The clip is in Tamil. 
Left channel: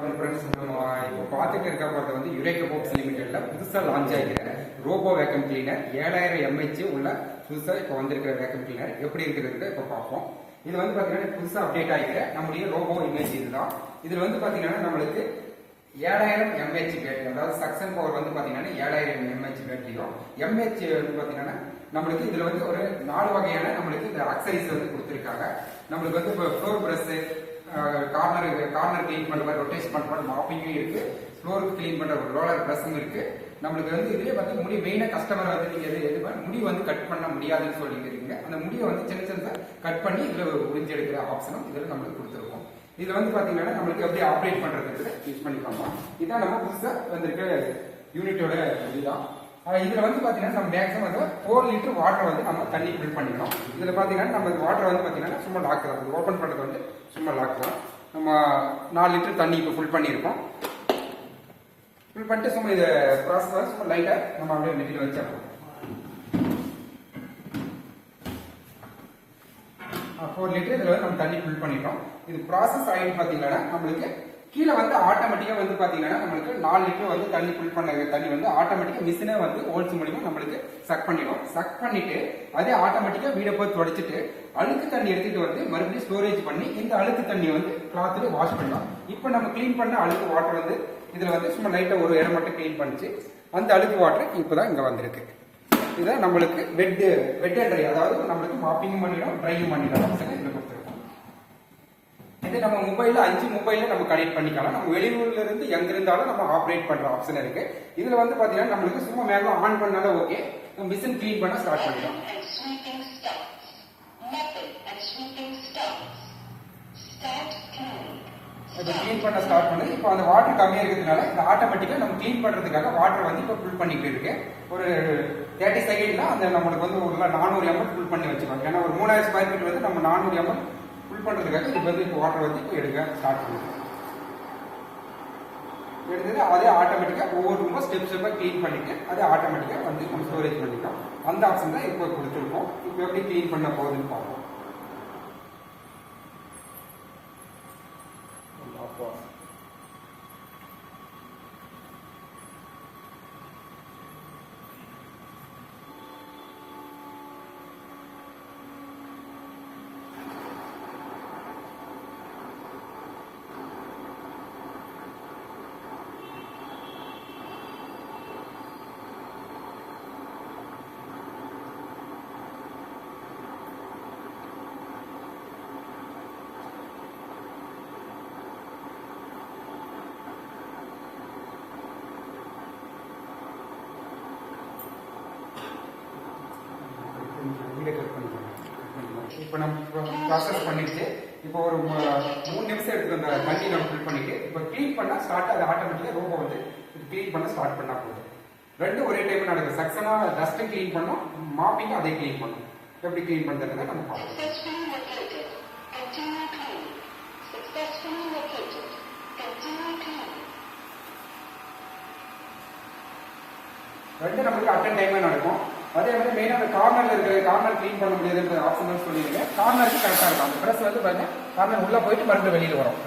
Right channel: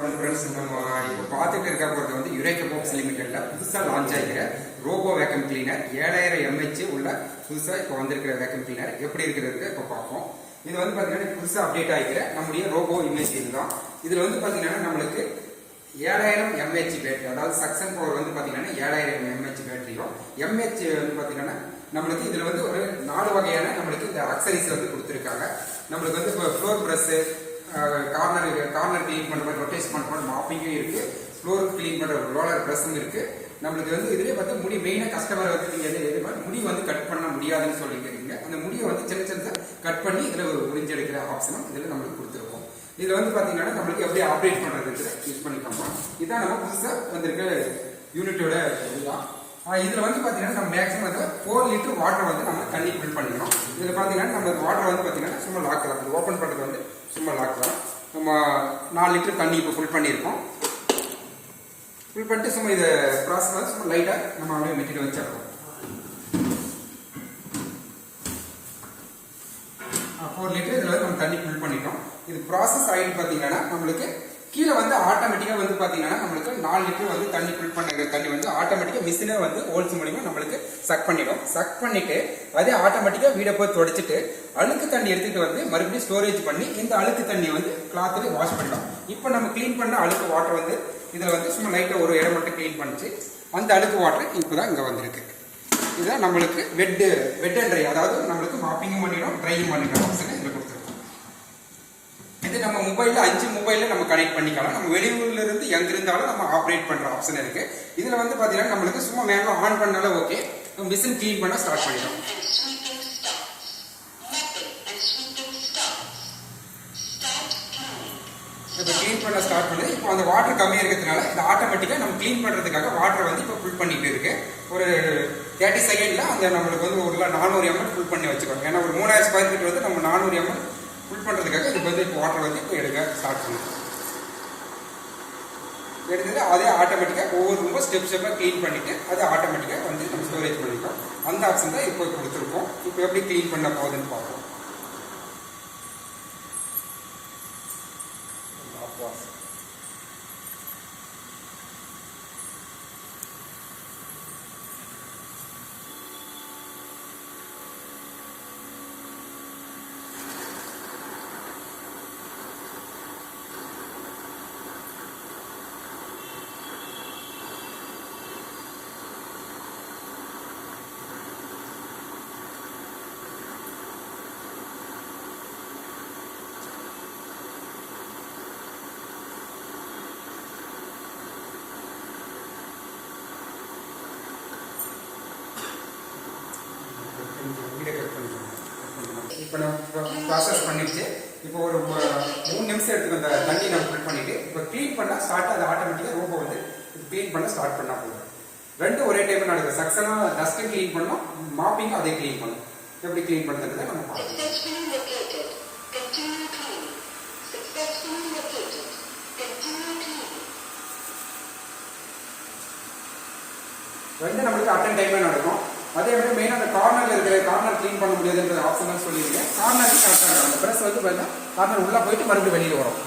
ஃப்ரெண்ட்ஸ் நம்ம இப்போ பார்த்துட்டு இருக்க போகிறது வந்து யுரேகா போப்ஸ் லிமிடெடில் புதுசாக லான்ச் ஆகிக்கிற ரோபோ வேக்கம் கிளீனர் 7000 mAh உள்ள புதுசாக இப்போ வந்திருக்கிற வேக்கம் கிளீனர் எப்படி இருக்கிறது இப்போ பார்ப்போம். இது வந்து பார்த்தீங்கன்னா புதுசாக அப்டேட் ஆகிக்கிற நம்முடைய ரோபோ இமேஜ் இதுதான். இதில் வந்து பார்த்தீங்கன்னா நம்மளுக்கு 7000 mAh பேட்டரி, அதாவது சக்சன் பவர் வந்து பார்த்தீங்கன்னா 7000 mAh பேட்டரியும் mAh வந்து பார்த்தீங்கன்னா நம்மளுக்கு இதில் வந்து ஒரு 4 வகையான நம்மளுக்கு இந்த அக்சரிஸ் வந்து கொடுத்துருக்காங்க. நம்மளுக்கு வந்து இப்போ ஃப்ளோர் ப்ரஷ்ஷு, கார்னர் கிளீன் பண்ணுற ரொட்டேஷன் பண்ணுற மாப்பிங்கும் இருக்கு, ஃப்ளோருக்கு கிளீன் பண்ணுற ரோலர் ப்ரஷ்ஷும் இருக்கு. நம்மளுக்கு வந்து இதுலேயே வந்து முடி மெயினாக கஸ்டமரை வந்து நீங்கள் எது முடி வந்து கட் பண்ண முடியாதுன்னு சொல்லிட்டு இருக்கீங்க. அந்த முடியை வந்து சின்ன சின்னதாக கட் பண்ணி இதில் உறிஞ்சி எடுக்கிற ஆப்ஷனும் இதில் நம்மளுக்கு கொடுத்துருக்கோம். இதில் வந்து பார்த்தீங்கன்னா நம்மளுக்கு எப்படி ஆப்ரேட் பண்ணுறதுன்றது யூஸ் பண்ணிக்கோமா. இதுதான் நம்ம புதுசாக வந்திருக்க யூனிட்டோட இதுதான். இதில் வந்து பார்த்தீங்கன்னா நம்ம மேக்ஸிமம் வந்து 4 லிட்டர் வாட்டர் வந்து நம்ம தண்ணி ஃபில் பண்ணிக்கணும். இதில் பார்த்தீங்கன்னா நம்ம வாட்டர் வந்து பார்த்தீங்கன்னா சும்மா லாக் தான், அது ஓப்பன் பண்ணுறது வந்து சும்மா லாக் தான். நம்ம 4 லிட்டர் தண்ணி இப்போ ஃபில் பண்ணியிருக்கோம். ஃபில் பண்ணிட்டு சும்மா இதை ப்ராசஸ் சும்மா லைட்டாக நம்ம அப்படியே மெட்டிட்டு வச்சிடறோம். 4 லிட்டர் இதில் வந்து நம்ம தண்ணி ஃபில் பண்ணிட்டோம். இது ப்ராசஸ் ஆகிட்டு பார்த்தீங்கன்னா நம்மளுக்கு கீழே வந்து ஆட்டோமேட்டிக்காக வந்து பார்த்தீங்கன்னா நம்மளுக்கு 4 லிட்டர் வந்து தண்ணி ஃபில் பண்ண தண்ணி வந்து ஆட்டோமேட்டிக்காக மிஷினே வந்து ஹோல்ஸ் மூலியமாக நம்மளுக்கு சக் பண்ணிடும். சக் பண்ணிட்டு அதே ஆட்டோமேட்டிக்காக வீடை போய் தொடச்சிட்டு அழுக்கு தண்ணி எடுத்துகிட்டு வந்து மறுபடியும் ஸ்டோரேஜ் பண்ணி இந்த அழுக்கு தண்ணியை வந்து கிளாத்தில் வாஷ் பண்ணலாம். இப்போ நம்ம க்ளீன் பண்ண அழுக்கு வாட்டர் வந்து இதில் வந்து சும்மா லைட்டாக ஒரு இடம் மட்டும் க்ளீன் பண்ணிச்சு. அந்த அழுக்கு வாட்டர் இப்போ தான் இங்கே வந்திருக்கு. இதுதான் நம்மளுக்கு வெட் அண்ட் ட்ரை, அதாவது நம்மளுக்கு மாப்பிங்கும் பண்ணிடும், ட்ரையும் பண்ணிடும் ஆப்ஷன் இதில் கொடுத்துருக்கோம். இது நம்ம மொபைலில் 5 மொபைலில் நம்ம கனெக்ட் பண்ணிக்கலாம். நம்ம வெளியூர்ல இருந்து எங்க இருந்தாலும் நம்ம ஆப்ரேட் பண்ற ஆப்ஷன் இருக்கு. இதுல வந்து பாத்தீங்கன்னா நம்மளுக்கு சும்மா மேல ஆன் பண்ணாலும் ஓகே, மிஷின் க்ளீன் பண்ண ஸ்டார்ட் பண்ணிடும். இப்போ க்ளீன் பண்ண ஸ்டார்ட் பண்ணி இப்போ அந்த வாட்டர் கம்மியாக இருக்கிறதுனால இது ஆட்டோமேட்டிக்காக நம்ம க்ளீன் பண்ணுறதுக்காக வாட்டர் வந்து இப்போ ஃபில் பண்ணிட்டு இருக்கு. ஒரு 30 செகண்ட்ல அந்த நம்மளுக்கு வந்து ஒரு 400 ml ஃபுல் பண்ணி வச்சுக்கோங்க. ஏன்னா ஒரு 3000 ஸ்கொயர் ஃபீட் வந்து நம்ம 400 ml ஃபுல் பண்ணுறதுக்காக இது வந்து இப்போ வாட்டர் வந்து இப்போ எடுக்க ஸ்டார்ட் பண்ணும். எடுத்தது அதே ஆட்டோமேட்டிக்காக ஒவ்வொரு ரூமும் ஸ்டெப்பாக க்ளீன் பண்ணிவிட்டு அதை ஆட்டோமேட்டிக்காக வந்து நம்ம ஸ்டோரேஜ் பண்ணிக்கலாம். அந்த ஆப்ஷன் தான் இப்போ கொடுத்துருக்கோம். இப்போ எப்படி க்ளீன் பண்ண போகுதுன்னு பார்ப்போம். இப்போ நம்ம ப்ராசஸ் பண்ணிடுச்சு. இப்போ ஒரு 3 நிமிஷம் எடுத்துக்கிற தண்ணி நம்ம ஃபில் பண்ணிட்டு இப்போ க்ளீன் பண்ணால் ஸ்டார்ட், அது ஆட்டோமேட்டிக்காக ரோபோ வந்து க்ளீன் பண்ண ஸ்டார்ட் பண்ணால் போதும். ரெண்டும் ஒரே டைம் நடக்குது. சக்ஸனாக டஸ்ட்டும் க்ளீன் பண்ணோம், மாப்பிங்கும் அதே க்ளீன் பண்ணும். எப்படி க்ளீன் பண்ணுறதுக்கு நம்ம பார்க்கலாம். ரெண்டு நம்மளுக்கு அட்டன் டைமே நடக்கும். அதே மாதிரி மெயினாக அந்த கார்னரில் இருக்கிற கார்னர் க்ளீன் பண்ண முடியாதுன்ற ஆப்ஷன் சொல்லியிருக்கேன். கார்னருக்கு கரெக்டாக இருக்கும். அந்த ப்ரெஸ் வந்து பார்த்தீங்கன்னா கார்னர் உள்ளே போயிட்டு மறுபடியும் வெளியில் வரும்.